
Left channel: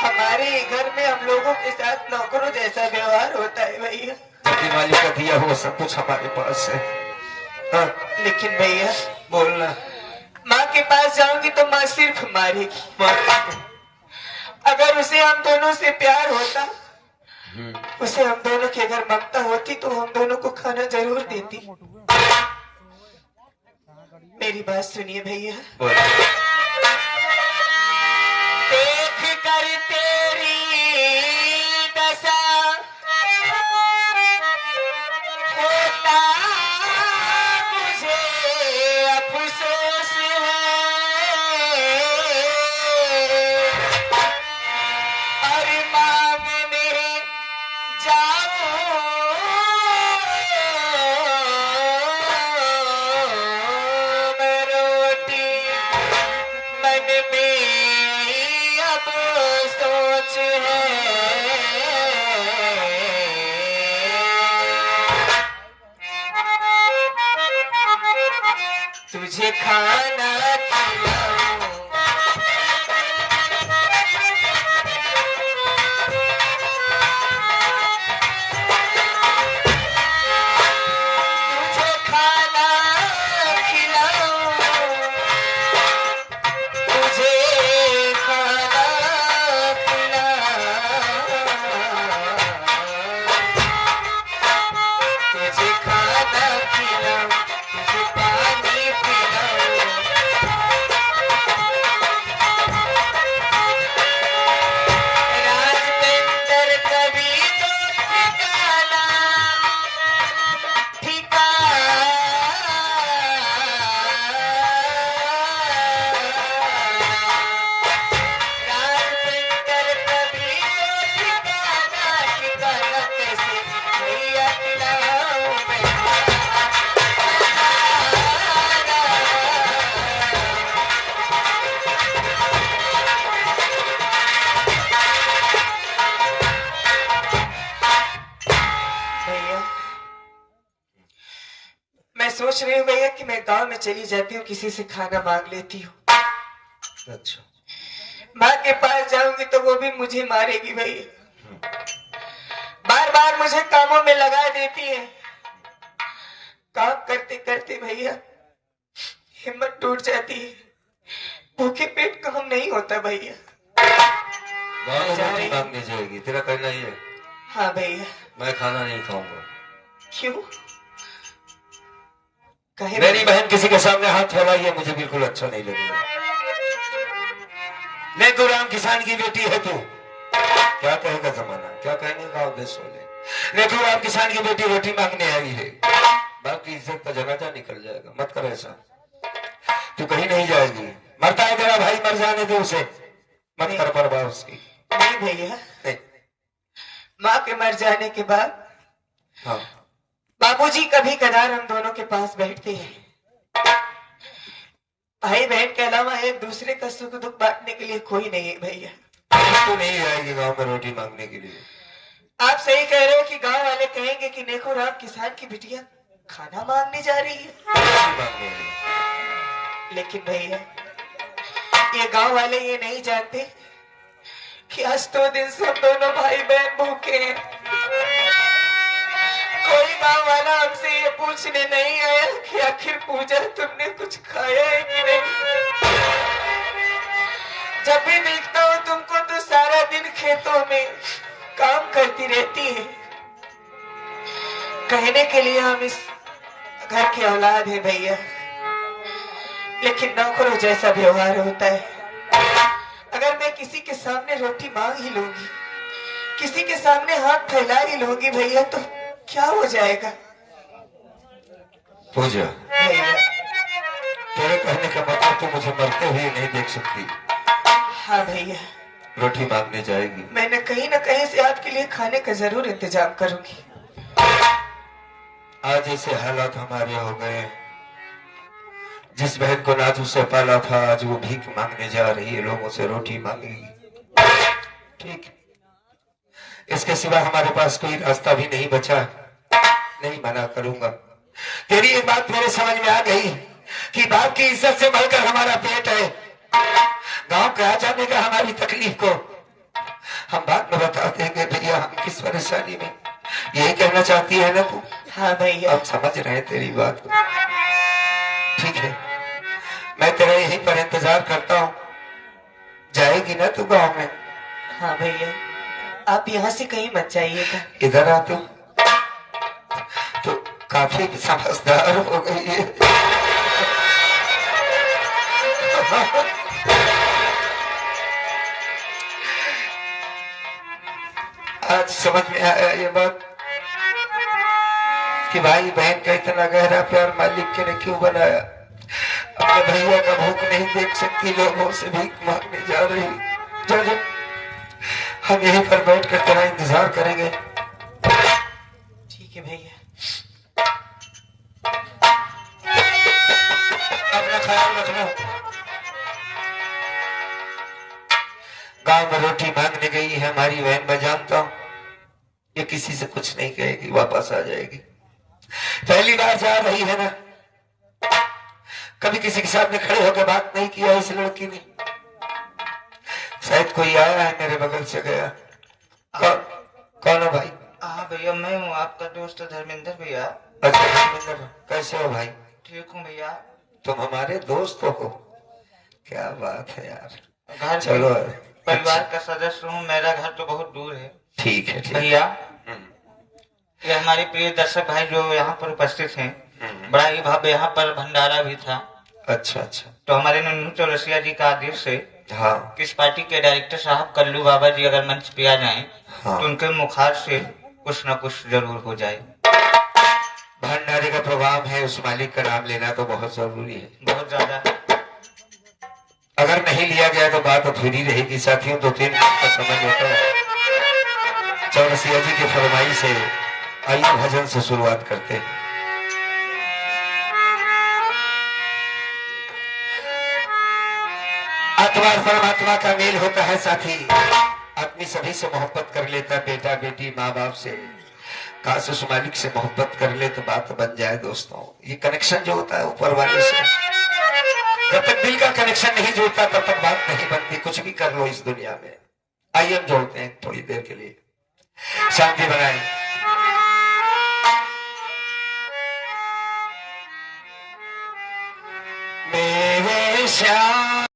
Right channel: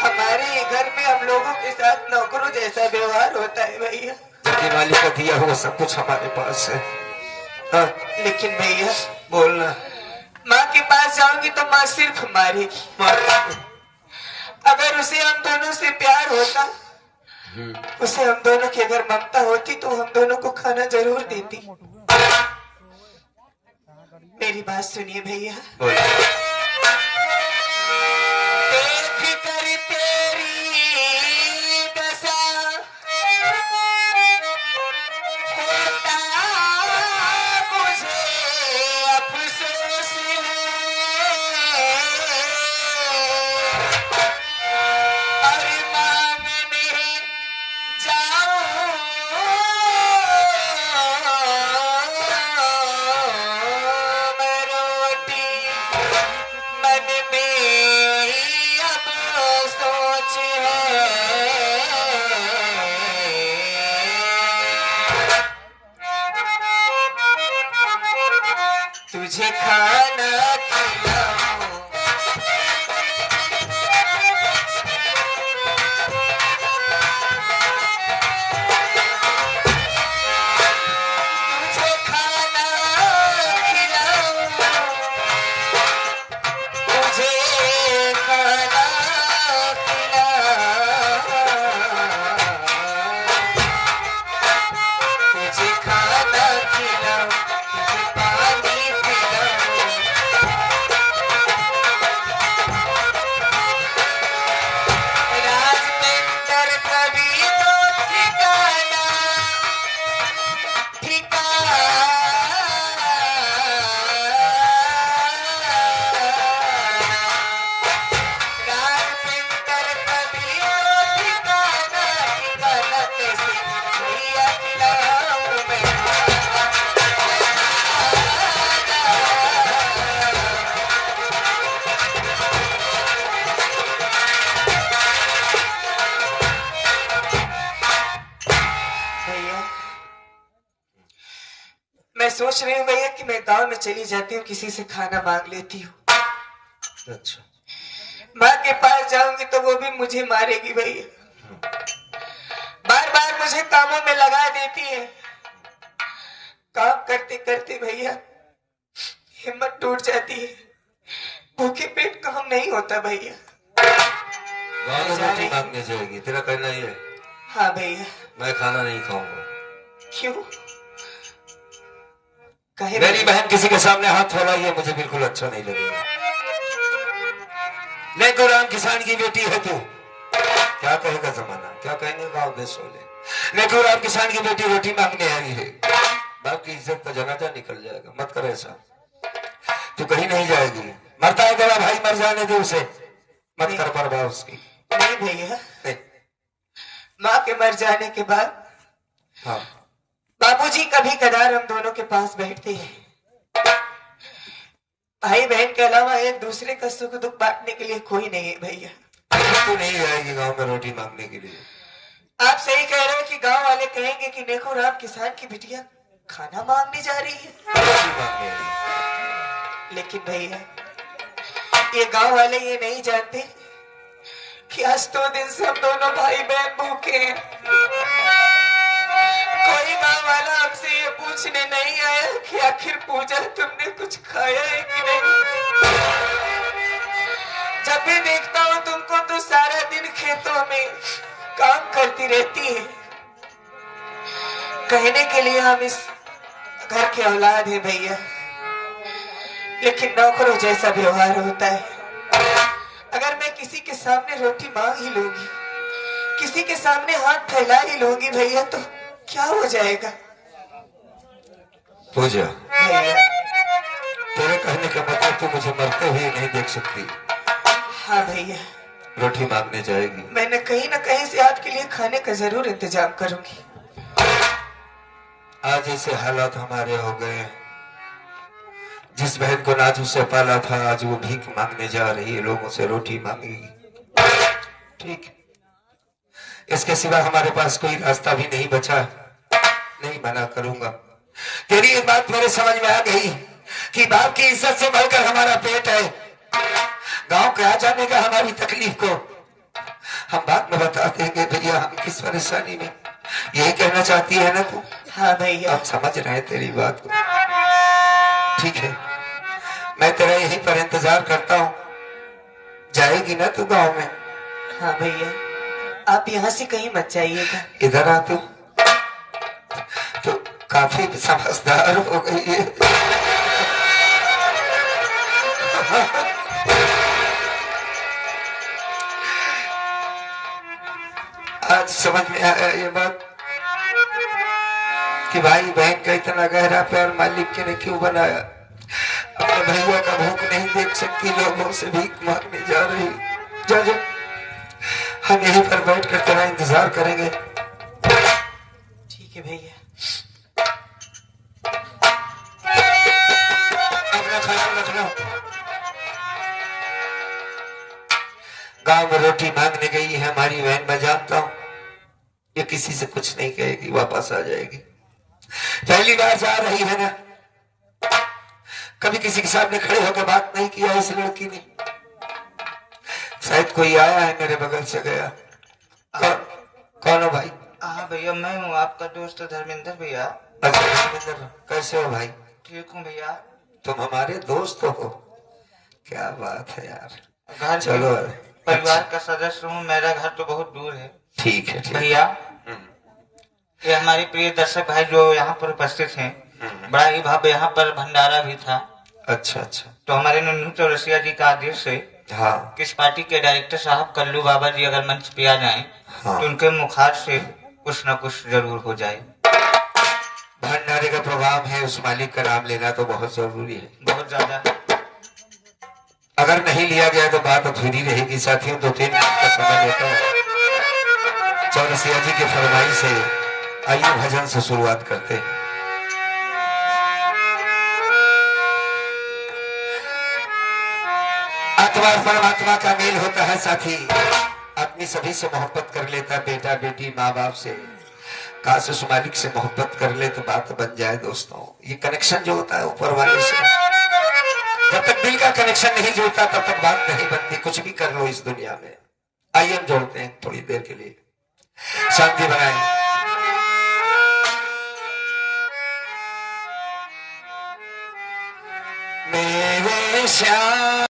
हमारे घर में हम लोगों के साथ नौकरों जैसा व्यवहार होता है भैया, कि मालिक का दिया हुआ सब कुछ हमारे पास है। हाँ? लेकिन भैया बोलना। माँ के पास जाऊंगी तो माँ सिर्फ मारेगी। अगर उसे हम दोनों से प्यार होता उसे हम दोनों की अगर ममता होती तो हम दोनों को खाना जरूर देती। मेरी बात सुनिए भैया। बोल। देख कर तेरी दशा होता मुझे अफसोस है, और मांगने जाऊं मैं रोटी, मन में अब सोच है, तुझे खाना खिलाऊं, तुझे खाना खिलाऊं, तुझे खाना खिलाऊं, तुझे खाना खिलाऊं, तुझे पानी पिलाऊं। राजमंदिर कभी तो ठिकाना, राजमंदिर कभी तो ठिकाना, ठिकाना कैसे भैया खिलाऊं मैं खाना। भैया मैं सोच रही हूँ भैया कि मैं गांव में चली जाती हूँ, किसी से खाना मांग लेती हूँ। अच्छा। माँ के पास जाऊंगी तो वो भी मुझे मारेगी भैया, बार बार मुझे कामों में लगा देती है। काम करते करते भैया हिम्मत टूट जाती है, भूखे पेट काम नहीं होता भैया। गाँव में रोटी मांगने जाएगी, तेरा कहना ही है? हाँ भैया। मैं खाना नहीं खाऊंगा। क्यों? कहे मेरी बहन किसी के सामने हाथ फैलाई है, मुझे बिल्कुल अच्छा नहीं लगेगा। लेको राम किसान की बेटी है तू, क्या कहेगा जमाना, क्या कहेंगे गाँव देश वाले। लेको राम किसान की बेटी रोटी मांगने आई है, बाप की इज्जत का जनाजा निकल जाएगा। मत कर ऐसा, तू कहीं नहीं जाएगी। मरता है तेरा भाई, मर जाने दे उसे, मत कर परवाह उसकी। नहीं भैया, नहीं। माँ के मर जाने के बाद हाँ। बाबूजी कभी कदार हम दोनों के पास बैठते हैं। भाई बहन के अलावा एक दूसरे का सुख दुख बांटने के लिए कोई नहीं है भैया। तू नहीं जाएगी गाँव में रोटी मांगने के लिए। आप सही कह रहे हो कि गांव वाले कहेंगे कि देखो राम किसान की बिटिया खाना मांगने जा रही है। रोटी मांगने आई। लेकिन भैया ये गांव वाले ये नहीं जानते कि आज 2 दिन से हम दोनों भाई बहन भूखे हैं। कोई गांव वाला हमसे ये पूछने नहीं आया कि आखिर पूजा तुमने कुछ खाया है कि नहीं। जब भी देखता हूँ तुमको तो सारा दिन खेतों में काम करती रहती है। कहने के लिए हम इस घर के औलाद है भैया, लेकिन नौकरों जैसा व्यवहार होता है। अगर मैं किसी के सामने रोटी मांग ही लूंगी, किसी के सामने हाथ फैला ही लूंगी भैया, तो क्या हो जाएगा पूजा? भैया? तेरे कहने का मतलब तू मुझे मरते हुए नहीं देख सकती। हाँ भैया, रोटी मांगने जाएगी। मैंने कहीं ना कहीं से आपके लिए खाने का जरूर इंतजाम करूंगी। आज ऐसे हालात हमारे हो गए हैं, जिस बहन को नाथ उससे पाला था आज वो भीख मांगने जा रही है, लोगों से रोटी मांगेगी। ठीक, इसके सिवा हमारे पास कोई रास्ता भी नहीं बचा। नहीं मना करूंगा। तेरी ये बात मेरे समझ में आ गई कि बाप की इज्जत से बढ़कर हमारा पेट है। गांव के आ जाने का हमारी तकलीफ को हम बाद में बता देंगे भैया, हम किस परेशानी में। यही कहना चाहती है ना तू? हाँ भैया, हम समझ रहे हैं तेरी बात को। ठीक है, मैं तेरा यहीं पर इंतजार करता हूँ। जाएगी ना तू गांव में? हाँ भैया, आप यहाँ से कहीं मत जाइएगा। इधर आते हो तो काफी समझदार हो गई है। आज समझ में आया ये बात कि भाई बहन का इतना गहरा प्यार मालिक के ने क्यों बनाया। अपने भैया का भूख नहीं देख सकती, लोगों से भीख मांगने जा रही। जा जा, हम यहीं पर बैठ कर तेरा इंतजार करेंगे। ठीक है भैया। अपना ख्याल रखना। गांव में रोटी मांगने गई है हमारी बहन, मैं जानता हूं ये किसी से कुछ नहीं कहेगी, वापस आ जाएगी। पहली बार जा रही है ना, कभी किसी के सामने खड़े होकर बात नहीं किया इस लड़की ने। शायद कोई आया है मेरे बगल से गया। कौन हो भाई? हाँ भैया मैं हूँ आपका दोस्त धर्मेंद्र भैया। अच्छा धर्मेंद्र, कैसे हो भाई? ठीक हूँ भैया। तुम हमारे दोस्त हो? क्या बात है यार। घर चलो परिवार का सदस्य हूँ, मेरा घर तो बहुत दूर है। ठीक है ठीक। भैया ये हमारे प्रिय दर्शक भाई जो यहाँ पर उपस्थित हैं, बड़ा ही भव्य यहाँ पर भंडारा भी था। अच्छा अच्छा। तो हमारे नन्हू चौरसिया जी का आदेश से हाँ किस पार्टी के डायरेक्टर साहब कल्लू बाबा जी अगर मंच पे आ जाएं हाँ। तो उनके मुखार से कुछ न कुछ जरूर हो जाए। भंडारे का प्रोग्राम है, उस मालिक का नाम लेना तो बहुत जरूरी है, बहुत ज्यादा। अगर नहीं लिया गया तो बात अधूरी रहेगी। साथियों 2-3 मिनट का समय लेता हूँ। चौरसिया जी की फरमाइश से आइए भजन से शुरुआत करते हैं। आत्मा और परमात्मा का मेल होता है साथी। आदमी सभी से मोहब्बत कर लेता, बेटा बेटी माँ बाप से, काश उस मालिक से मोहब्बत कर ले तो बात बन जाए। दोस्तों ये कनेक्शन जो होता है ऊपर वाले से, जब तक दिल का कनेक्शन नहीं जुड़ता तब तक बात नहीं बनती। कुछ भी कर लो इस दुनिया में। आइए हम जोड़ते हैं थोड़ी देर के लिए, शांति बनाए। मेरे श्याम